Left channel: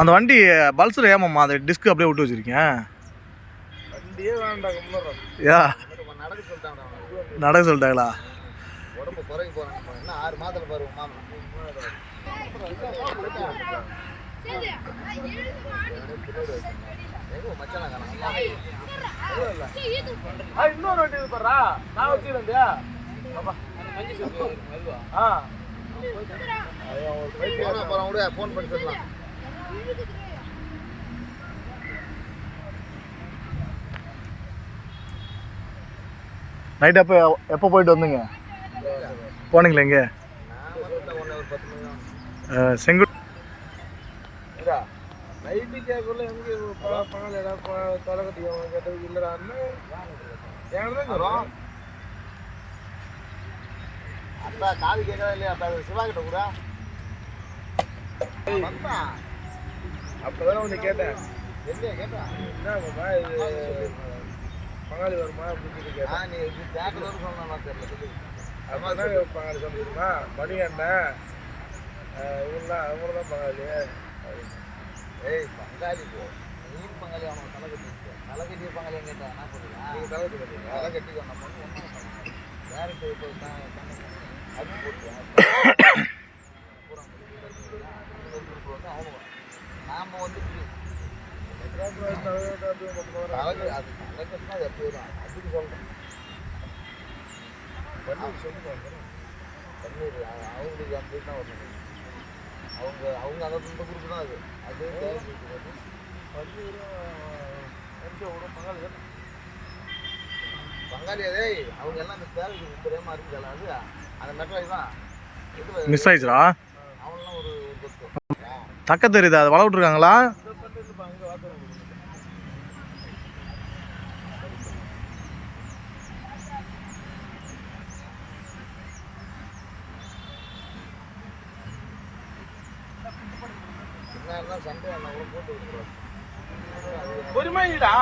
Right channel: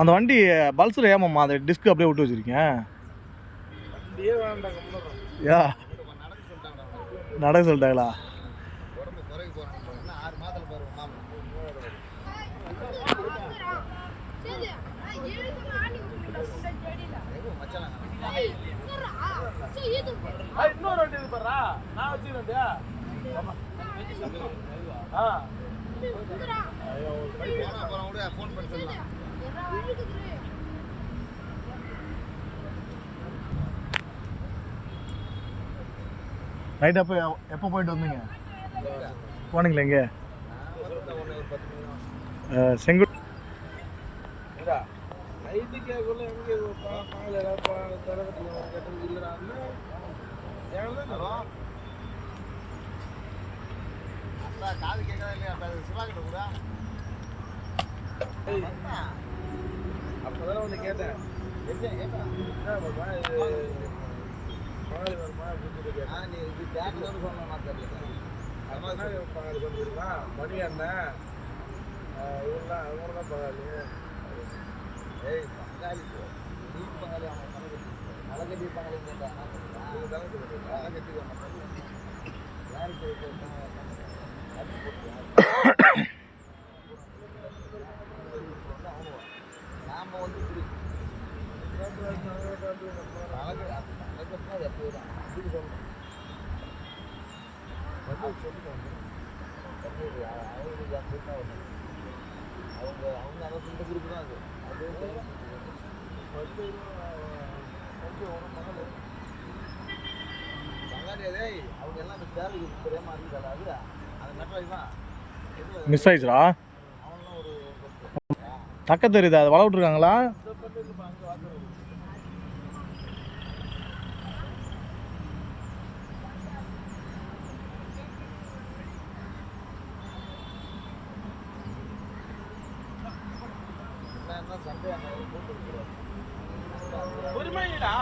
அந்த வண்டி பல்சர் ஏமாம்மா அந்த டிஸ்க் அப்படியே விட்டு வச்சிருக்கீங்க? யா நடக்க சொல்லிட்டாங்களா? இன்னொரு வண்டி இருப்பா நான் வச்சுருந்தேன். ஃபோன் பண்ணி சொல்லலாம். நைட் எப்போ போயிட்டு வந்தீங்க? போனீங்களா இங்கே செங்குட் நைட்டு கேட்கல எங்கே பால் ஏதாவது தொலைக்கட்டி கேட்டது இல்லைடான்னு ஏன்னா அண்ணா காது கேட்கறா இல்லையா? சிவா கிட்ட கூட அப்போதான் ஒன்று கேட்டேன். என்ன கேட்டேன்? என்னம்மா இது பங்காளி வருமா அப்படின்னு கேட்டேன். நீ இது கேட்கணும்னு சொன்னா தெரியல. அதனால தான் பங்காளி சொல்லிடுமா மணி அண்ணன் இவன் தான் அது கூட தான் பங்காளி. ஏய் பங்காளி நீ பங்காளி அவன் தலை கட்டி பங்காளி கேட்டேன். நீங்கள் தலை கட்டிக்கா தலை கட்டிக்க டேரக்ட் நாம வந்து இப்படி அப்படின்னு சொல்றேன். பன்னீர் சொல்லுவாங்க பன்னீர் அவங்களுக்கு அப்படின்னா அவங்க அவங்க அந்த இந்த குரூப் தான் அது. அது பன்னீரும் பங்காளி அதே அவங்க எல்லாம் இந்த தேவைக்கு தெரியாமல் அறிவிக்கல. அது அந்த மெட்டல் தான் மிஸ் ஆயிடுச்சுடா. அவங்களாம் ஒரு தக்க தெரியுது. அது வள விட்டுருக்காங்களா? பொறுமைடா.